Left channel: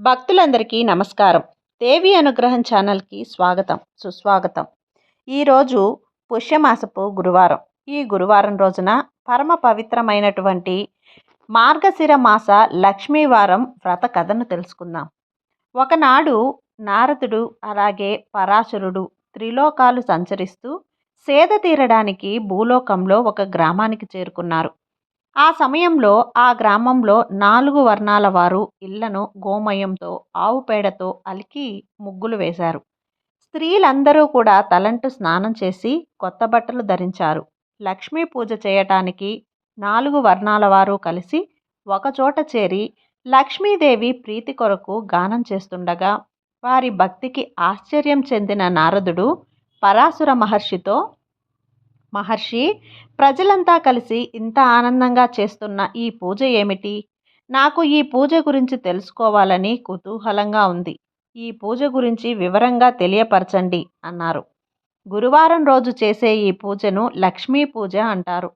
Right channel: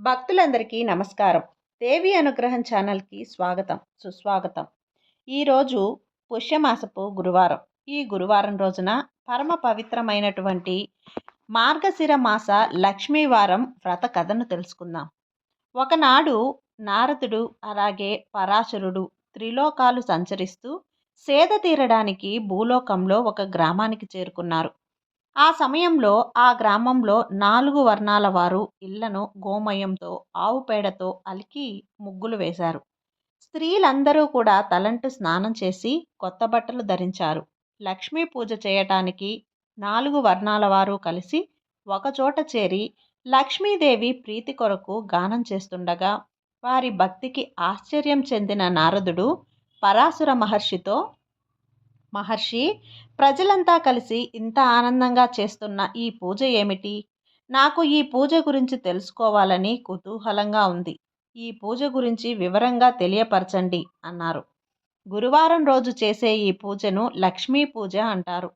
భక్తులందరికీ నమస్కారం. దేవి అనుగ్రహం ఛానల్కి స్వాగతం సుస్వాగతం. ఈరోజు పుష్యమాసపు గురువారం. ఈ గురువారం రోజున పరమ పవిత్రమైనటువంటి మార్గశిర మాస లక్ష్మీవారం వ్రత కథను తెలుసుకుందాం. ఒకనాడు నారదుడు అలాగే పరాశరుడు త్రిలోకాలు సంచరిస్తూ సేద తీరడానికి భూలోకంలో ఒక గ్రామానికి చేరుకున్నారు. ఆ సమయంలో ఆ గ్రామంలో నాలుగు వర్ణాల వారు ఇళ్ళను గోమయంతో ఆవు పేడతో అలికి ముగ్గులు వేశారు. స్త్రీలందరూ కూడా తలంటు స్నానం చేసి కొత్త బట్టలు ధరించారు. లక్ష్మీ పూజ చేయటానికి నాలుగు వర్ణాల వారు కలిసి ఒకచోట చేరి లక్ష్మీదేవి ప్రీతి కొరకు గానం చేస్తుండగా వారి భక్తికి ఆశ్చర్యం చెందిన నారదుడు పరాశుర మహర్షితో మహర్షి ప్రజలంతా కలిసి ఇంత ఆనందంగా చేస్తున్న ఈ పూజ ఏమిటి? నాకు ఈ పూజ గురించి తెలుసుకోవాలని కుతూహలంగా ఉంది. ఈ పూజ గురించి వివరంగా తెలియపరచండి అన్నారు. గురువారం రోజు చేసే ఈ పూజను లక్ష్మీ పూజ అంటారు.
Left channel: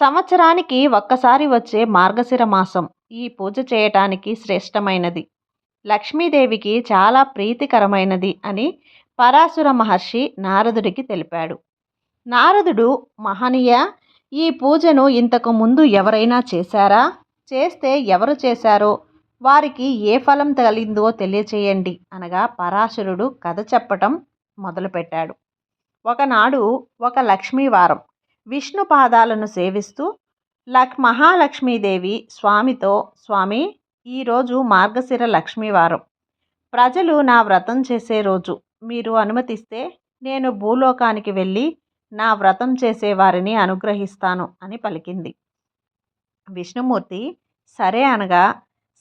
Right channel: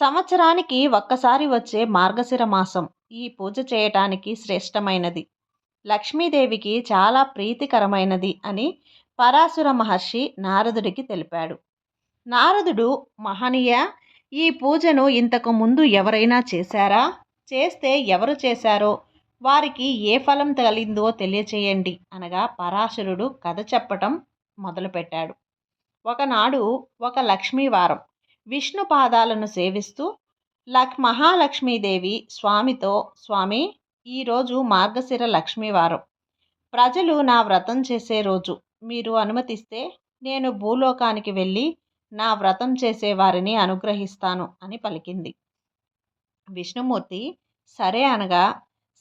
సంవత్సరానికి ఒక్కసారి వచ్చే మార్గశిర మాసం ఈ పూజ చేయటానికి శ్రేష్టమైనది. లక్ష్మీదేవికి చాలా ప్రీతికరమైనది అని పరాశుర మహర్షి నారదుడికి తెలిపాడు. నారదుడు మహనీయ ఈ పూజను ఇంతకు ముందు ఎవరైనా చేశారా? చేస్తే ఎవరు చేశారో? వారికి ఏ ఫలం తగిలిందో తెలియచేయండి అనగా పరాశరుడు కథ చెప్పటం మొదలుపెట్టాడు. ఒకనాడు ఒక లక్ష్మీవారం విష్ణు పాదాలను సేవిస్తూ లక్ మహాలక్ష్మీదేవి స్వామితో స్వామి ఈరోజు మార్గశిర లక్ష్మీవారం. ప్రజలు నా వ్రతం చేసే రోజు. మీరు అనుమతిస్తే నేను భూలోకానికి వెళ్ళి నా వ్రతం చేసేవారిని అనుగ్రహిస్తాను అని పలికింది. విష్ణుమూర్తి సరే అనగా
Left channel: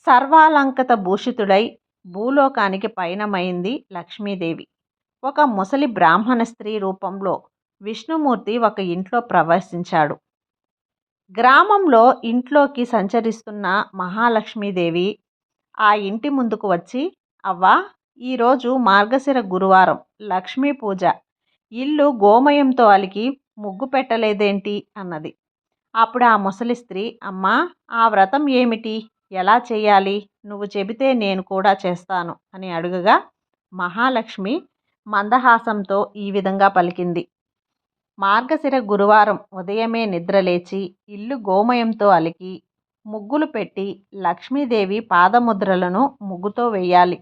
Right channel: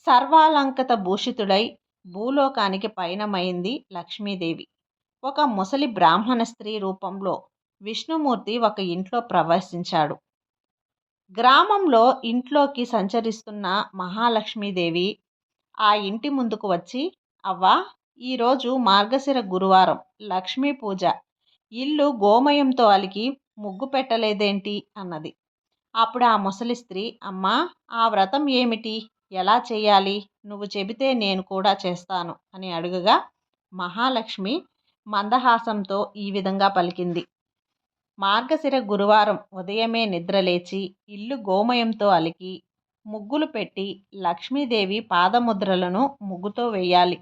సర్వాలంకత భూషితుడై భూలోకానికి పయనమైంది లక్ష్మీదేవి. ఒక ముసలి బ్రాహ్మణ స్త్రీ రూపంలో విష్ణుమూర్తి ఒక ఇంట్లో ప్రవేశించాడు. గ్రామంలో ఇంట్లోకి సంచరిస్తున్న మహాలక్ష్మీదేవి ఆ ఇంటి ముందుకు వచ్చి అవ్వా ఈరోజు మార్గశిర గురువారం లక్ష్మీ పూజ. ఇల్లు గోమయంతో అలికి ముగ్గు పెట్టలేదేంటి? అన్నది. అప్పుడు ఆ ముసలి స్త్రీ అమ్మా ఆ వ్రతం ఏమిటి? ఎలా చేయాలి? నువ్వు చెబితే నేను కూడా చేస్తాను అని అడుగగా మహాలక్ష్మి మందహాసంతో ఈ విధంగా పలికింది. మార్గశిర గురువారం ఉదయమే నిద్రలేచి ఇల్లు గోమయంతో అలికి ముగ్గులు పెట్టి లక్ష్మీదేవి పాదముద్రలను ముగ్గుతో వేయాలి.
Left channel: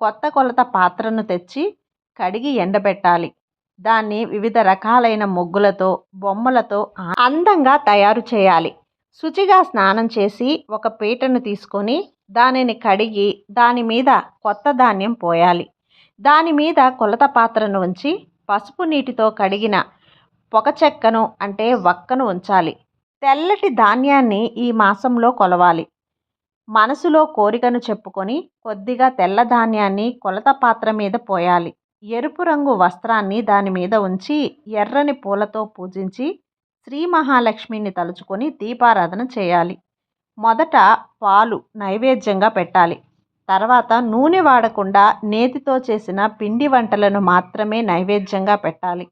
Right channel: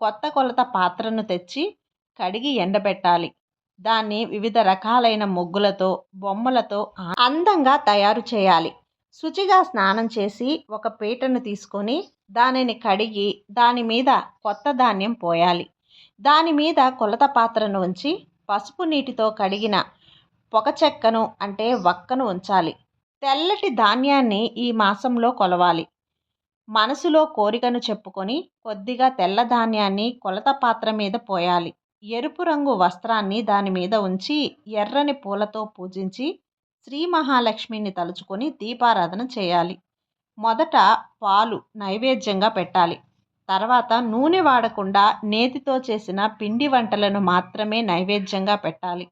కొత్త కొలత పాత్రను తెచ్చి కడిగి ఎండబెట్టాలి. దాన్ని వివిధ రకాలైన ముగ్గులతో బొమ్మలతో అందంగా తయారు చేయాలి. శుచిగా స్నానం చేసి ఒక పీటను తీసుకొని దానిని కడిగి దాని మీద కొత్త ధాన్యం పోయాలి. దాని మీద కొలత పాత్రను ఉంచి పసుపు నీటితో కడిగిన పొగ చెక్కను అంటే వక్కను ఉంచాలి. తెల్లటి ధాన్యాన్ని ఈ మాసంలో కొలవాలి. మనసులో కోరికను చెప్పుకొని కొద్దిగా తెల్ల ధాన్యాన్ని కొలత పాత్ర మీద పోయాలి. ఎరుపు రంగు వస్త్రాన్ని దాని మీద ఉంచి ఎర్రని పూలతో పూజించి శ్రీ మహాలక్ష్మిని తలుచుకొని దీపారాధన చేయాలి. మొదట పాలు నైవేద్యంగా పెట్టాలి. తర్వాత నూనె వాడకుండా నేతితో చేసిన పిండి వంటలను మాత్రమే నైవేద్యంగా పెట్టాలి.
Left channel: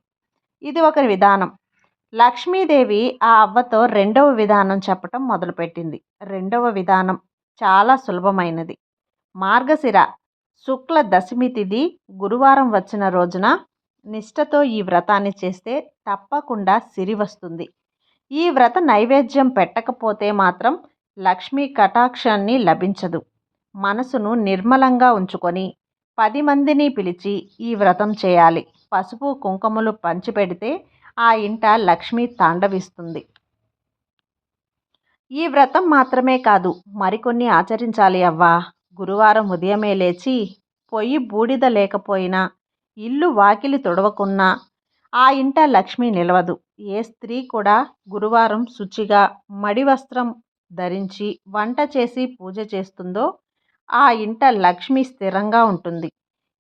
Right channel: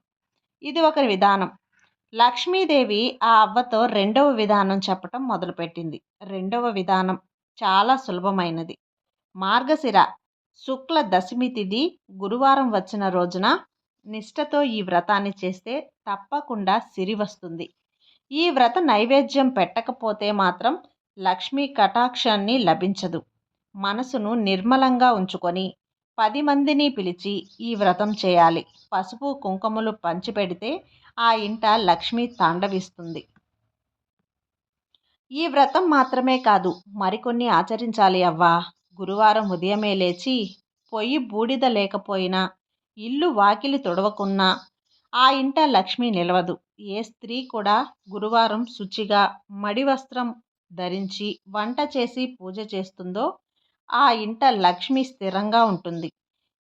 ఇది ఒక విధానం. లక్ష్మీదేవి ఆ అవ్వతో రెండవ విధానం చెప్పటం మొదలుపెట్టింది. రెండవ విధానం చాలా సులభమైనది. మార్గశిర శుక్ల దశమి తిథి గురువారం వచ్చిన రోజున నిష్టతో ఈ వ్రతాన్ని చేస్తే తప్పకుండా సిరి వస్తుంది. ఈ వ్రత నైవేద్యం పెట్టకపోతే మాత్రం లక్ష్మీ కటాక్షాన్ని లభించదు. మనసును నిర్మలంగా ఉంచుకొని పది మందిని పిలిచి ఈ వ్రతం చేయాలి. పసుపు కుంకుమలు పంచిపెడితే ఆ ఇంట లక్ష్మి తాండవిస్తుంది. ఈ వ్రతం మాత్రమే కాదు మరికొన్ని ఆచరించాలి అవ్వా? గురువారం ఉదయమే లేచి పొయ్యి బూడిద లేకపోయినా ఇల్లు వాకిలి తుడవకున్నా ఆ ఇంట లక్ష్మి నిలవదు. ఏ స్త్రీ కూడా గురువారం శుచిగా మడి వస్త్రం ధరించి వంట చేసి పూజ చేస్తుందో ఆ ఇంట లక్ష్మి స్థిరంగా ఉంటుంది.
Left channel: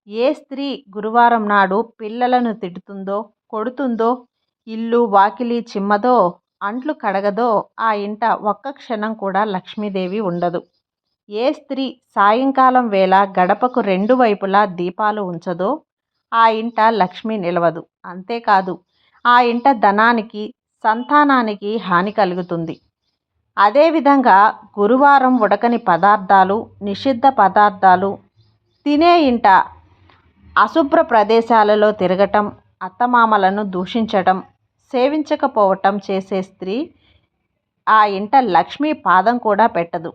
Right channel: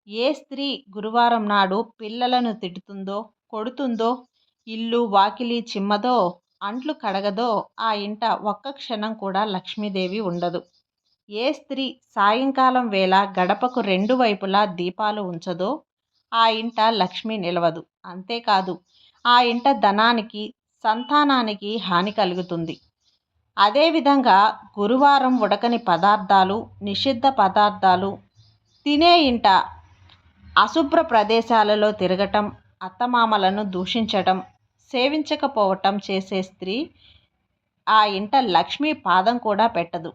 ఏ స్త్రీ గురువారం నాడు పిల్లలను తిడుతుందో కొడుతుందో ఇల్లు వాకిలి చిమ్మదో అంట్లు కడగదో ఆ ఇంట ఒక్క క్షణం కూడా లక్ష్మీదేవి ఉండదు. ఏ స్త్రీ సాయంకాలం వేళ గడపకు రెండు వైపులా దీపాలు ఉంచదో ఆ ఇంట లక్ష్మి నిలవదు. అంతేకాదు ఆ ఇంట ధనానికి సంతానానికి హాని కలుగుతుంది. అదేవిధంగా గురువారం ఉడకని పదార్థాలు నిషిద్ధ పదార్థాలు తినే ఇంట అశుభ్ర ప్రదేశాలలో తిరగటం అత్తమామలను దూషించటం సేవించకపోవటం చేసే స్త్రీ ఆ ఇంట లక్ష్మీ పాదం కూడా పెట్టదు.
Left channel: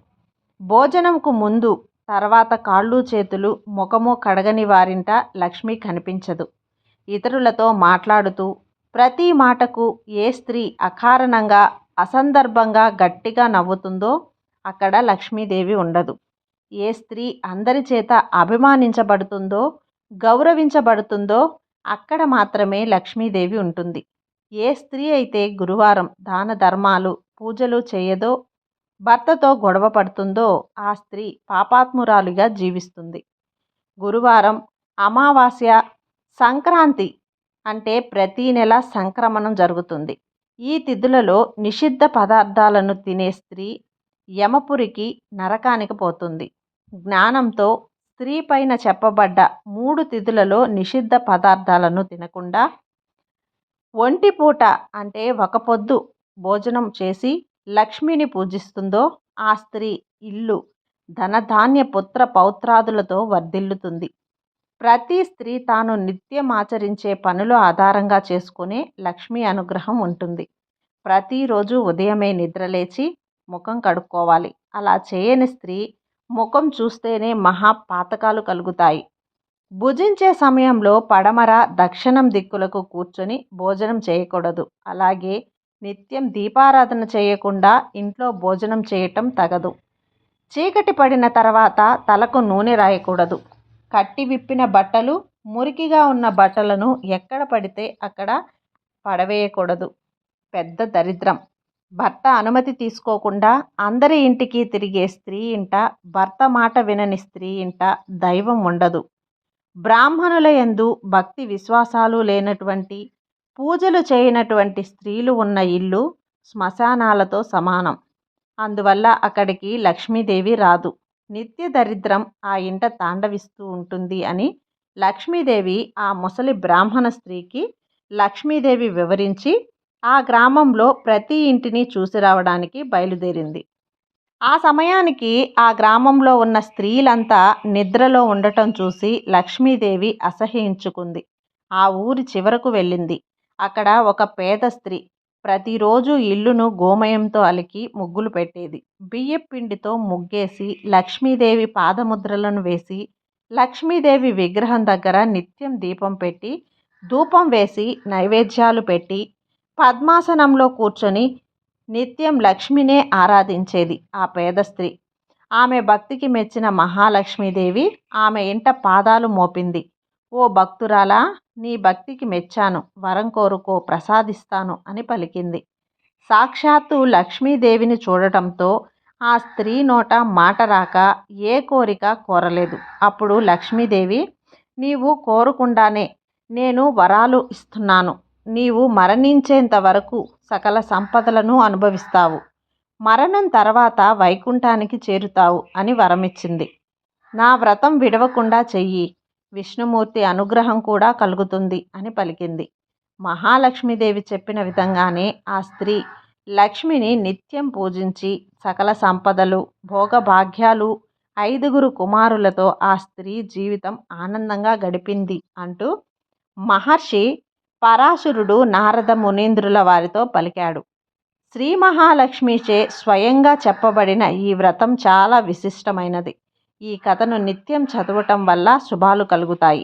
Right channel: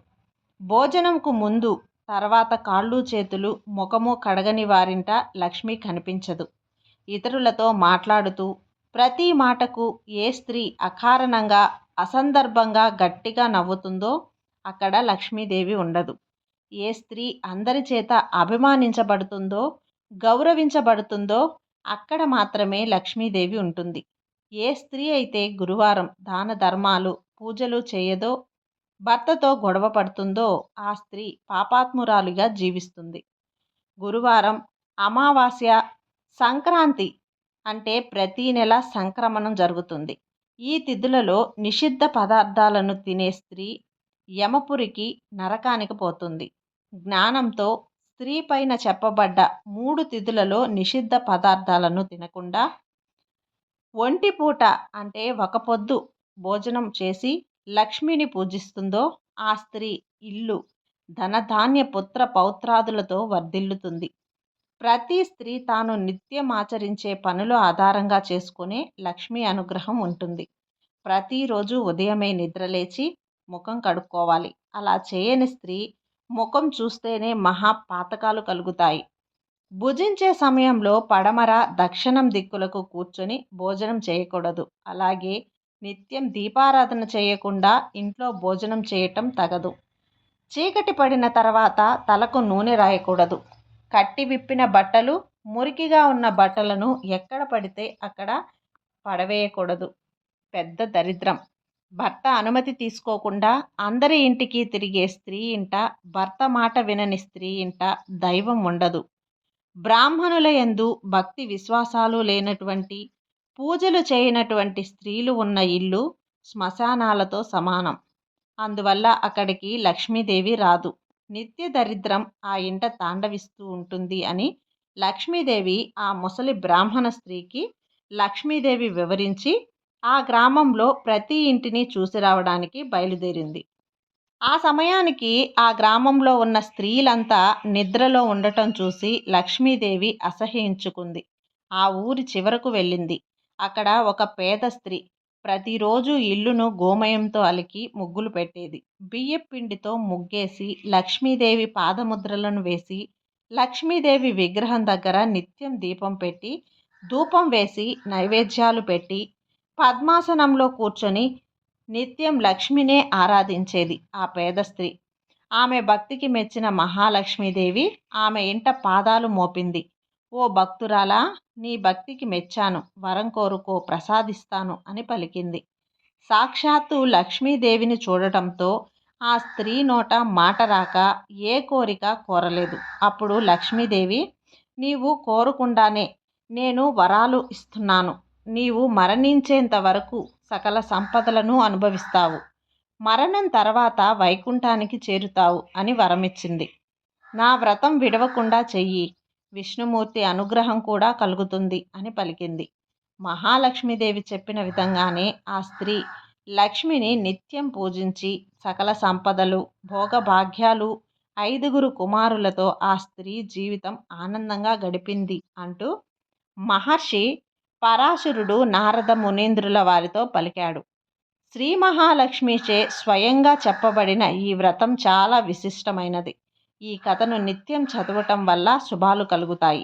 భోజనంకు ముందు తర్వాత కాళ్ళు చేతులు ముఖము కడగని వారింట లక్ష్మి కనిపించదు. ఇతరులతో మాట్లాడుతూ ప్రతి మాటకు ఏ స్త్రీ అకారణంగా అసందర్భంగా గట్టిగా నవ్వుతుందో అక్కడ లక్ష్మీదేవి ఉండదు. ఏ స్త్రీ అందరి చేత అభిమానించబడుతుందో గౌరవించబడుతుందో అక్కడ మాత్రమే లక్ష్మీదేవి ఉంటుంది. ఏ స్త్రీ అయితే గురువారం దాన ధర్మాలు పూజలు చేయదో భర్తతో గొడవ పడుతుందో ఆ స్త్రీ పాపాత్మురాలుగా జీవిస్తుంది. గురువారం అమావాస్య సంక్రాంతి అంటే ప్రతీ నెల సంక్రమణం జరుగుతుంది. ఈ తిథులలో నిషిద్ధ పదార్థాలను తినే స్త్రీ యమపురికి నరకానికి పోతుంది. జ్ఞానంతో స్త్రీ పైన చెప్పబడ్డ మూడు తిథులలో నిషిద్ధ పదార్థాలను తినకుండా ఒంటిపూట అంటే ఒక పొద్దు భోజనం చేసి లక్ష్మిని పూజిస్తుందో ఆ స్త్రీ ఇల్లు ధనధాన్య పుత్ర పౌత్రాదులతో వర్ధిల్లుతుంది. ప్రతి స్త్రీ తాను నిత్యం ఆచరించే పనులు ఆధారంగా చేసుకునే లక్ష్మీ అనుగ్రహం ఉంటుంది. ప్రతిరోజు ఉదయమే నిద్రలేచి ముఖం కడుక్కోవాలి. అలా చేయని స్త్రీ ముఖం చూస్తేనే మహా పాతకాలు కలుగుతాయి. భుజించే సమయంలో పడమర దక్షిణం దిక్కులకు కూర్చొని భోజనం చేయకూడదు. అలాగే నిత్యం దీపారాధన చేయకుండా ఇంట్లో భోజనం చేయటం తగదు. చీకటి పడిన తర్వాత తలకు నూనె రాయకూడదు. కట్టి విప్పిన బట్టలు మురికిగా ఉన్న బట్టలను ఎక్కడ పడితే అక్కడ పడవేయకూడదు. పెద్ద దరిద్రం. భర్త అనుమతి తీసుకోకుండా అందరి ఇంటికి తిరిగే స్త్రీ ఇంట భర్త మాట వినని స్త్రీ ఇంట దైవం ఉండదు. బ్రాహ్మణుల యందు భక్తి విశ్వాసాలు లేనటువంటి పూజలు చేయనటువంటి స్త్రీలు ఉన్న ఇల్లు శ్మశానాలతో సమానం. అందువల్ల అక్కడికి లక్ష్మీదేవి రాదు. నిత్య దరిద్రం ఆ ఇంట తాండవిస్తూ ఉంటుంది అని లక్ష్మీదేవి ఆ ముసలి బ్రాహ్మణ స్త్రీకి లక్ష్మీదేవి వివరించి ఆ గ్రామంలో ప్రతి ఇంటిని చూసి రావడానికి బయలుదేరింది. ఆ సమయానికి ఆ గ్రామంలో ఉన్న స్త్రీలంతా నిద్రలో ఉండటం చూసి లక్ష్మీదేవి అసహ్యించుకుంది. ఆ ఊరి చివరకు వెళ్ళింది. అక్కడ ఒక పేద స్త్రీ ప్రతిరోజు ఇల్లును గోమయంతో అలికి ముగ్గులు పెట్టేది. బియ్యపిండితో ముగ్గేసి లక్ష్మీదేవి పాదముద్రలను వేసి లక్ష్మీదేవి విగ్రహం దగ్గర నిత్యం దీపం పెట్టి ధూపం వేసి నైవేద్యాలు పెట్టి పద్మాసనంలో కూర్చొని నిత్యం లక్ష్మినే ఆరాధించేది ఆ పేద స్త్రీ. ఆమె భక్తికి మెచ్చిన మహాలక్ష్మీదేవి ఆమె ఇంట పాదాలు మోపింది. ఓ భక్తురాలా నీ భక్తికి మెచ్చాను. వరం కోరుకో ప్రసాదిస్తాను అని పలికింది. సాక్షాత్తు లక్ష్మీదేవిని చూడటంతో ఆ స్త్రీ నోట మాట రాక ఏ కోరిక కోరలేదు. అప్పుడు లక్ష్మీదేవి నీవు కోరుకుండానే నేను వరాలు ఇస్తున్నాను. నీవు మరణించేంత వరకు సకల సంపదలను అనుభవిస్తావు. మరణం తర్వాత వైకుంఠానికి చేరుతావు అని వరమిచ్చింది. నా వ్రతం విడవకుండా చెయ్యి. విష్ణుమూర్తి అనుగ్రహం కూడా కలుగుతుంది అని పలికింది. మహాలక్ష్మీదేవి చెప్పిన విధంగానే ఆ స్త్రీ లక్ష్మిని నిత్యం పూజించి సకల సంపదలు భోగభాగ్యాలు ఐదుగురు కుమారులతో ఆ స్త్రీ జీవితం ఆనందంగా గడిపింది అంటూ మహర్షి పరాశురుడు నారద మునీంద్రుల వారితో పలికాడు. శ్రీ మహాలక్ష్మిచే స్వయంగా చెప్పబడిన ఈ వ్రతం చాలా విశిష్టమైనది. ఈ కథను నిత్యం చదవటం వల్ల శుభాలు కలుగుతాయి.